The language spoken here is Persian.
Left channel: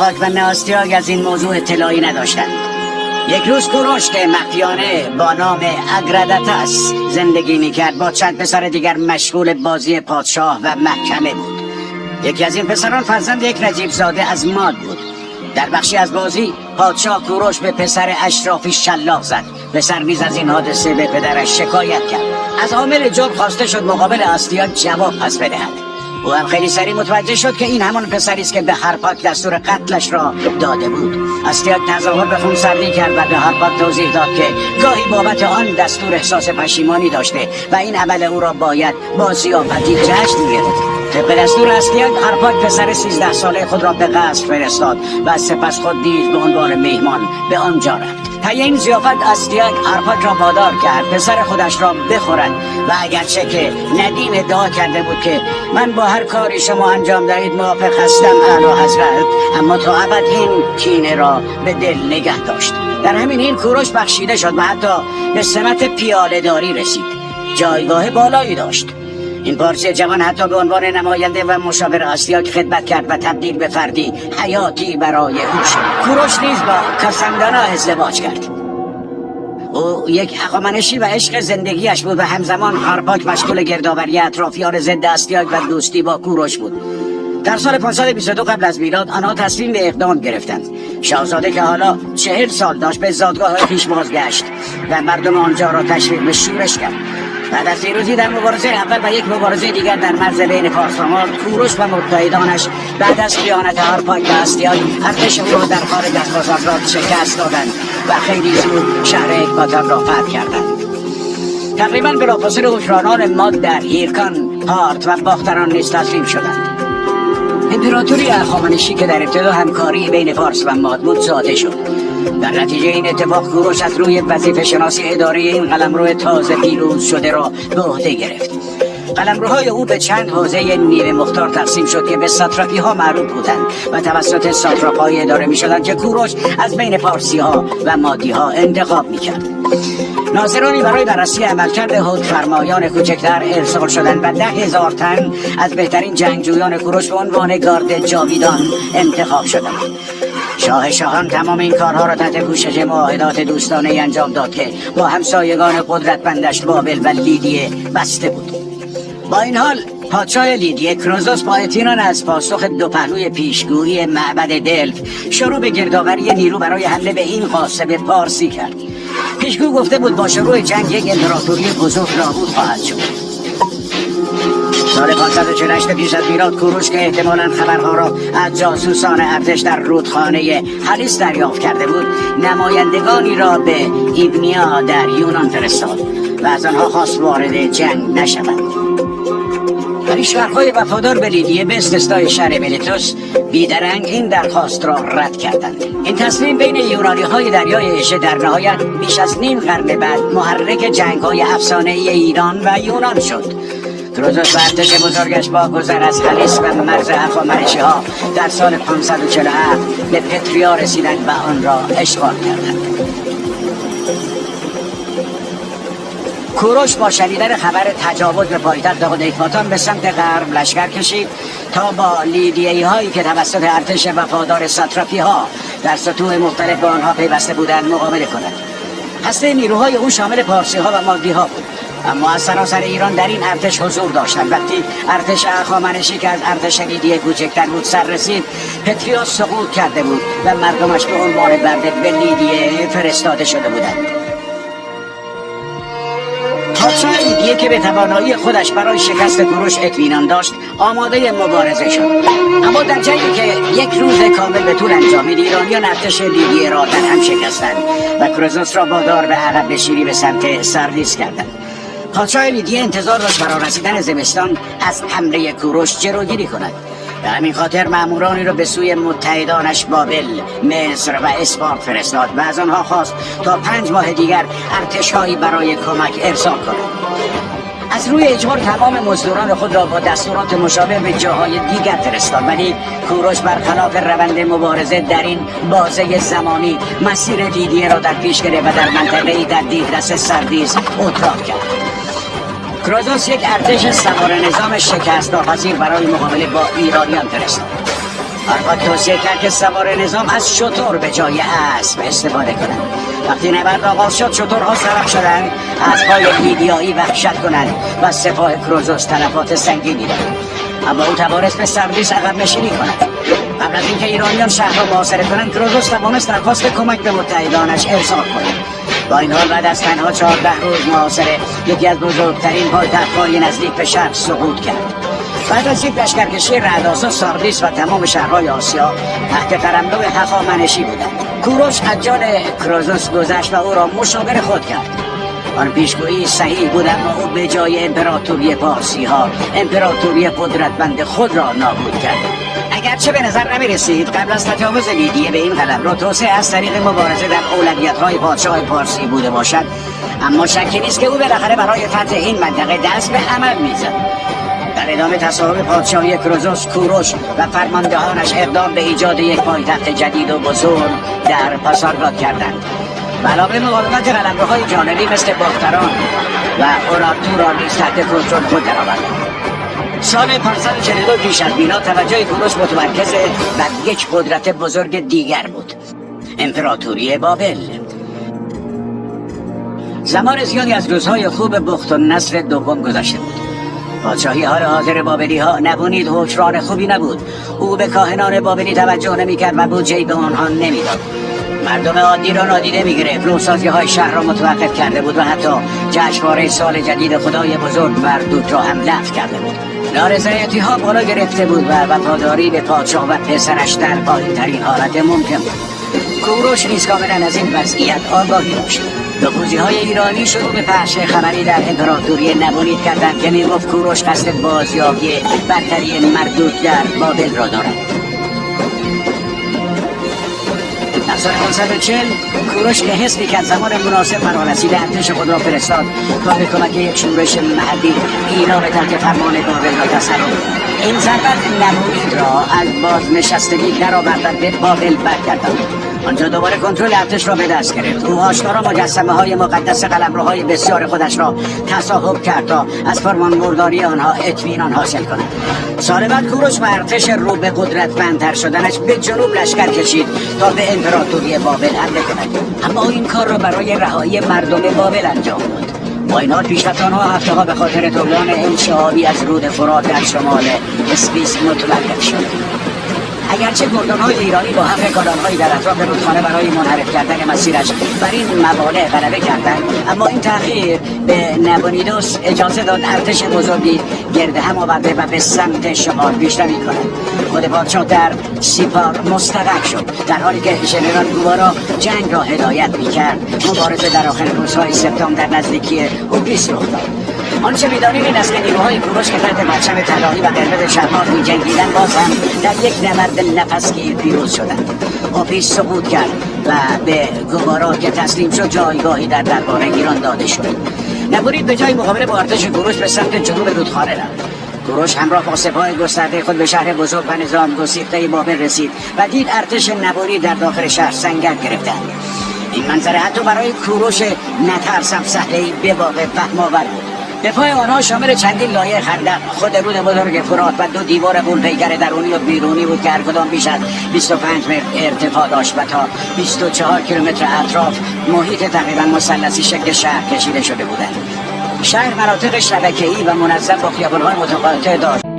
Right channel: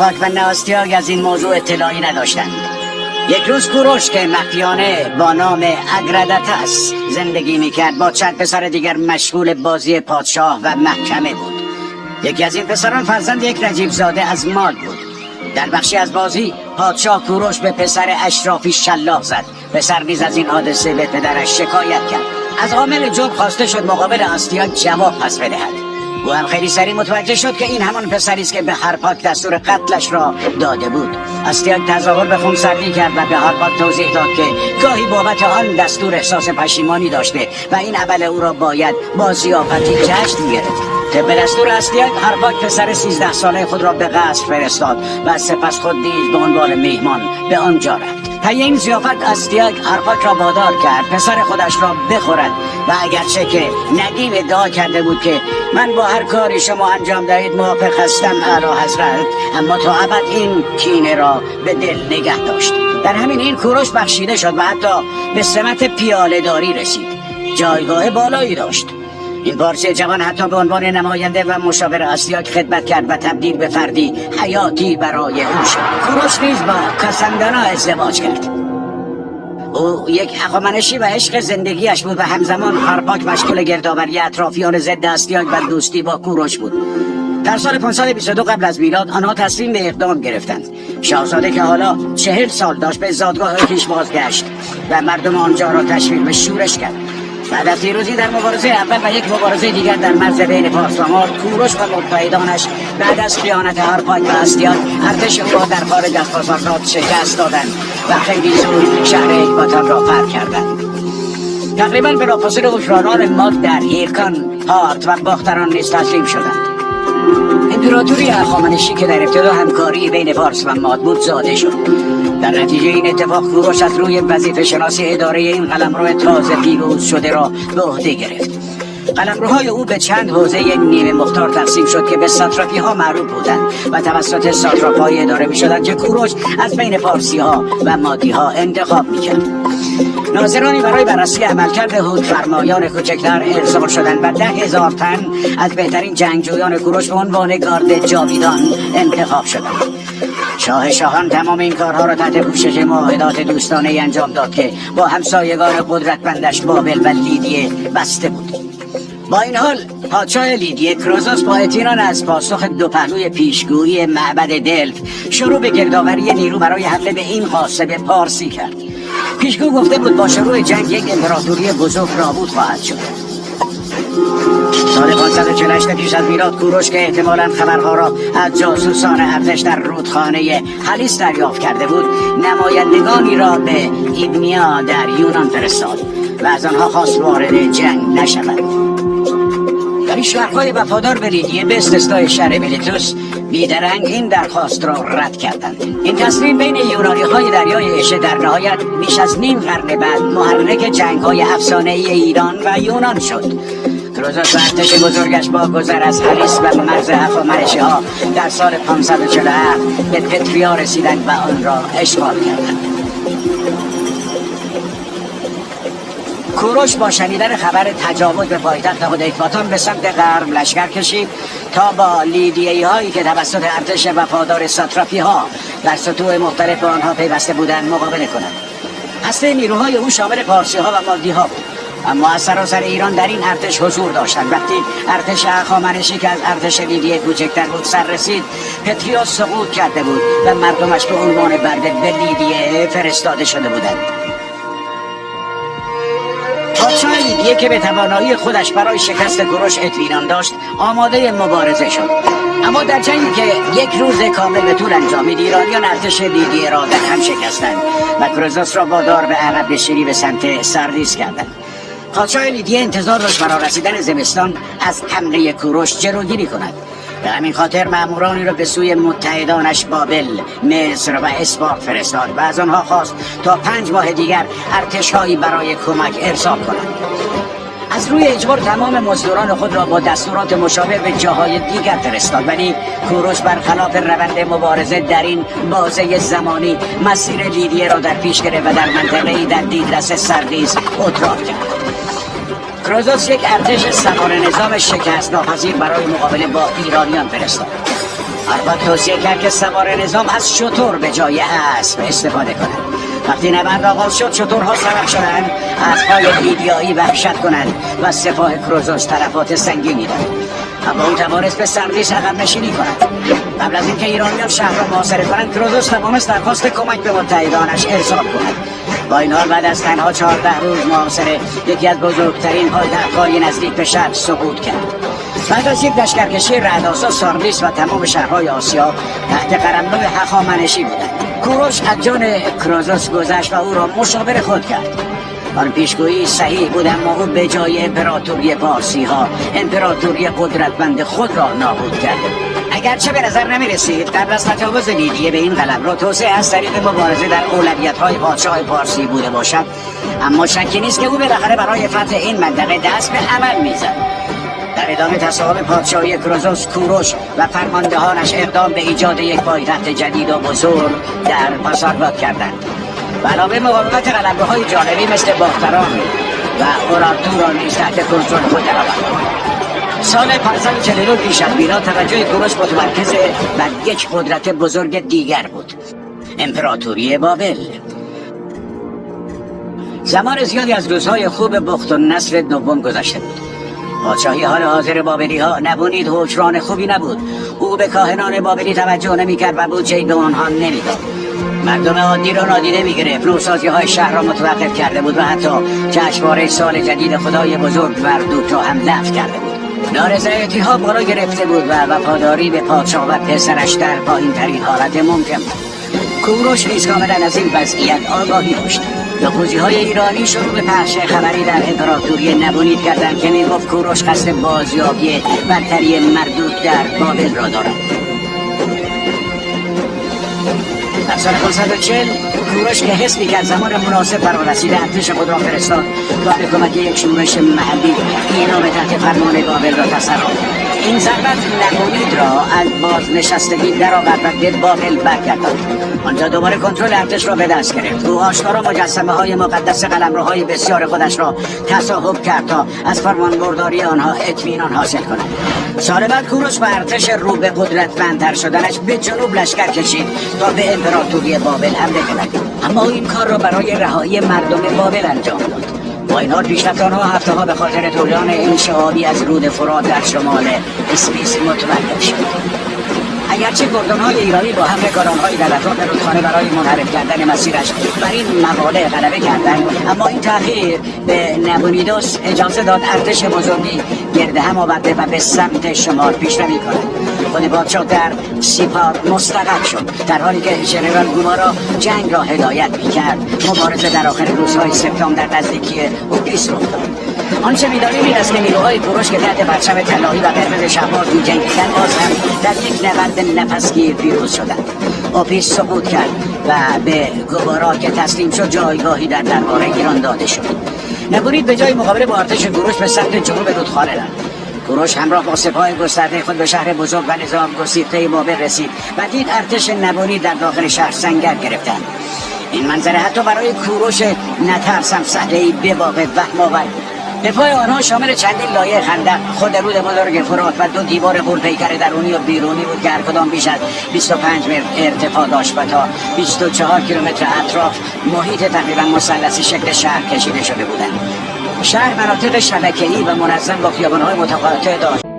هارپاک و ناستیاگ از این موضوع اطلاعی نداشتند. یک روز کوروش که مخفیانه با نام اگراداتس زندگی میکرد با چند پسر دیگر مشغول بازی پادشاه و محکمه بود. یکی از این پسران فرزند یک نجیب زاده از ماد بود. در بخشی از بازی پادشاه کوروش به پسر اشرافی شلاق زد. پسر نیز از این حادثه به پدرش شکایت کرد. از عامل جرم خواسته شد مقابل آستیاگ جواب پس بدهد. او هم خیلی سریع متوجه شد که این همان پسری است که به هارپاک دستور قتلش را داده بود. آستیاگ تظاهر به خونسردی کرد و به هارپاک توضیح داد که گاهی بابت آن دستور احساس پشیمانی داشته و این عمل او را باید با ضیافتی جشن گرفت. طبق دستور آستیاگ هارپاک پسر 13 ساله خود را به قصر فرستاد و سپس خود نیز به عنوان میهمان به آنجا رفت. طی این ضیافت آستیاگ هارپاک را وادار کرد پسر خودش را بخورد و اگرچه که ندیم ادعا کرده بود که من با هر کاری شما انجام دهید موافق هستم اعلی حضرت، اما تا ابد این کینه را به دل نگه داشت. در همین این کوروش بخشیده شد و حتی به سمت پیاله داری رسید. جایگاه بالایی داشت. این پارسی جوان حتی به عنوان نماینده و مشاور آستیاگ خدمت کرد و تبدیل به فردی حیاتی برای او شد. کوروش نیز با کاساندانا ازدواج کرد. او یک هخامنشی و عشق زندگیش بود و همزمان هارپاک مشغول گردآوری اطرافیان ضد آستیاگ و دوستی با کوروش بود. در سال 522 قبل از میلاد آنها تصمیم به اقدام گرفتند. شاهزاده که حالا 40 سال داشت به زادگاه خویش بازگشت و مردم آنجا را تشویق به شورش کرد. بعد از پیروزی در مبارزه اول و یک مبارزه دیگر در مرز بین پارس و ماد، کوروش و متحدانش بعد از خیانت هارپاک و آستیاگ ارتش او را در خارج از بازارگاه شکست دادند و خیلی زود شهر اکباتان را فتح کردند. تقریبا بلافاصله حکمرانان ماد در هیرکان، پارت و باختران نیز تسلیم شدند. امپراتوری هخامنشی که در ابتدا همکاری بین پارس و ماد بود زاده شد. در نتیجه این اتفاق کوروش از روی وظیفه شناسی اداره این قلمرو تازه پیروز شده را به عهده گرفت. قلمروهای او به چند حوزه نیمه مختار تقسیم شد که به ساتراپی ها معروف بودند و توسط ساتراپای اداره می شدند که کوروش از بین پارسی ها و مادی ها انتخاب می کرد. ناظرانی برای بررسی عملکرد حکمفرمایان کوچکتر ارسال شدند و 10,000 تن از بهترین جنگجویان کوروش به عنوان گارد جاویدان انتخاب شدند. شاهان تمام این کارها را تحت پوشش معاهدات دوستانه انجام داد که با همسایگان قدرتمندش بابل و لیدیه بسته بود. با این حال پادشاه لیدیه کروزوس با اطمینان از پاسخ دو پهلوی پیشگویی معبد دلف شروع به گردآوری نیرو برای حمله به این قاصد پارسی کرد. پیشگو گفته بود با شروع جنگ یک امپراتوری بزرگ نابود خواهد شد. سال 548 پیش از میلاد کوروش که احتمالاً خبرها را از جاسوسان ارتش در رودخانه هلیس دریافت کرده بود، نمایندگانی را به ایدمیا در یونان فرستاد و از آنها خواست وارد جنگ نشوند. ولی شهرهای وفادار به لیدیه به استثنای شهر میلیتوس بیدرنگ این درخواست را رد کردند. این تصمیم بین یونانی‌های دریای اژه در نهایت بیش از نیم قرن بعد محرک جنگ‌های افسانه‌ای ایران و یونان شد. کروزوس و ارتش بزرگش با گذر از هلیس و مرز هخامنشی‌ها در سال 547 به پتریا رسیدند و آن را اشغال کردند. کوروش با شنیدن خبر تجاوز به پایتخت خود اکباتان به سمت غرب لشکر کشید تا با لیدیایی هایی که توسط ارتش وفادار ساتراپی ها در سطوح مختلف آنها پیوسته بودند مقابله کند. اصل نیروهای او شامل پارسی ها و مادی ها بود، اما از سراسر ایران در این ارتش حضور داشتند. وقتی ارتش هخامنشی که از ارتش لیدیه کوچکتر بود سر رسید، پتریوس سقوط کرده بود و مردمش به عنوان برده به لیدیه فرستاده شده بودند. پادشاه لیدیه که به توانایی خودش برای شکست کوروش اطمینان داشت آماده مبارزه شد، اما در جنگی که یک روز کامل به طول انجامید ایرانیان ارتش لیدیه را در هم شکستند و کروزوس را وادار به عقب نشینی به سمت سردیس کردند. پادشاه لیدیه انتظار داشت فرا رسیدن زمستان از حمله کوروش جلوگیری کند. به همین خاطر مامورانی را به سوی متحدانش بابل، مصر و اسپارت فرستاد و از آنها خواست تا 5 ماه دیگر ارتش‌هایی برای کمک ارسال کنند. از روی اجبار تمام مزدوران خود را با دستورات مشابه به جاهای دیگر فرستاد، ولی کوروش برخلاف روند مبارزه در این بازه زمانی مسیر لیدیه را در پیش گرفت و در منطقه‌ای در دیدرس سردیس ادراک کرد. کروزوس یک ارتش سوار نظام شکست ناپذیر برای مقابله با ایرانیان فرستاد. آرپاد توصیه کرد که سوار نظام از شتر به جای اسب استفاده کنند. وقتی نبرد آغاز شد شترها سبق شدند از پای لیدیایی وحشت کنند و سپاه کروزوس تلفات سنگینی داد. اما او توانست به سردیس عقب نشینی کند. قبل از اینکه ایرانیان شهر را محاصره کنند کروزوس توانست درخواست کمک به متحدانش ارسال کند. با این حال بعد از تنها 14 روز محاصره یکی از بزرگترین پایتخت‌های نزدیک به شهر سقوط کرد. بعد از یک لشکرکشی رعدآسا ساردیس و تمام شهرهای آسیا تحت قلمرو هخامنشی بودند. کوروش از جان کروزوس گذشت و او را مشاور خود کرد. آن پیشگویی صحیح بود، اما او به جای امپراتوری پارسی ها امپراتوری قدرتمند خود را نابود کرد. اگرچه به نظر نمی رسید قبل از تجاوز لیدیه به این قلمرو توسعه از طریق مبارزه در اولویت‌های پادشاه پارسی بوده باشد، اما شکی نیست که او بالاخره برای فتح این منطقه دست به عمل می‌زد. در ادامه تصاحب پادشاهی کروزوس، کوروش و فرماندهانش اقدام به ایجاد یک پایتخت جدید و بزرگ در پاسارگاد کردند. و علاوه مقاومت قلمروهای جانبی مثل باختران و اورارتو را نیز تحت کنترل خود درآوردند. سال 542 پیش از میلاد توجه کوروش متمرکز بر یک قدرت بزرگ دیگر بود، امپراتوری بابل. زمان زیادی از روزهای خوب بختالنصر دوم گذشته بود. پادشاهی حال حاضر بابلی ها نبونید حکمران خوبی نبود. او به کاهنان بابلی توجه نمی کرد و بودجه‌ای به آنها نمیداد. مردم عادی را نادیده می‌گرفت. نوسازی های شهر را متوقف کرده بود و حتی جشنواره سال جدید خدای بزرگ مردوک را هم لغو کرده بود. نارضایتی ها بالا گرفته بود و وفاداری به پادشاه و پسرش در پایین‌ترین حالت ممکن بود. کوروش نیز کاملا از این وضعیت آگاهی داشت. نفوذی‌های ایرانی شروع به پخش خبری در امپراتوری نبونید کردند که میگفت کوروش قصد بازیابی برتری مردوک در بابل را دارد. از سال 540 کوروش که حس می‌کرد زمان مناسب فرا رسیده ارتش خود را فرستاد تا به کمک یک شورش محلی اینا به تحت فرمان بابل را تصرف کند. این ضربت نبوید را از بازنشستگی درآوردن به بابل برگرداند. آنجا دوباره کنترل ارتش را به دست گرفت. او آشکارا مجسمه‌های مقدس قلمروهای بسیار خودش را تصاحب کرد تا از فرمانبرداری آنها اطمینان حاصل کند. سال بعد کوروش با ارتش رو به قدرتمندتر شدنش به جنوب لشکر کشید تا به امپراتوری بابل حمله کند، اما این کار را برای رهایی مردم بابل انجام داد. با این حال پیشرفت آنها هفته‌ها به خاطر طغیان انشعابی از رود فرات در شمال اسپیس متوقف شد. اگرچه گردان‌های ایرانی با حمله گالان‌هایی در اطراف رودخانه برای منحرف کردن مسیرش بر این موانع غلبه کردند، اما این تأخیر به نبونیدوس اجازه داد ارتش بزرگی گرد هم آورده و به سمت شمال پیشروی کند. خود پادشاه در سیپار مستقر شد، در حالی که ژنرال گوارا جنگ را هدایت می‌کرد. مبارزه در آخر روزهای سپتامبر در نزدیکی اوپیس رخ داد. آنچه می‌دانیم این است که نیروهای کوروش که تحت پرچم طلایی و قرمز شب‌ها می‌جنگیدند باز هم در یک نبرد نفسگیر پیروز شدند. اوپیس سقوط کرد و به گوارا که تسلیم شد جایگاهی در دربار ایران داده شد. نبونید به جای مقابله با ارتش کوروش به سمت جنوب رودخانه رفت. کوروش همراه با سپاه گسترده خود به شهر بزرگ و نظام گسیخته بابل رسید و دید ارتش نبونید در داخل شهر سنگر گرفتند. این منظره حتی برای کوروش نترسم صحنه‌ای به واقع وهم‌آور بود. دفاع آنها شامل چندین لایه خندق، خود رود بزرگ فرات و 2 دیوار غول‌پیکر درونی و بیرونی بود که هر کدام بیش از 25 متر ارتفاع داشت و تا 24 کیلومتر اطراف محیط تقریبا مثلثی شکل شهر کشیده شده بودند. شهر مناطق شبکه‌ای و منظم با خیابان‌های متقاطع داشت.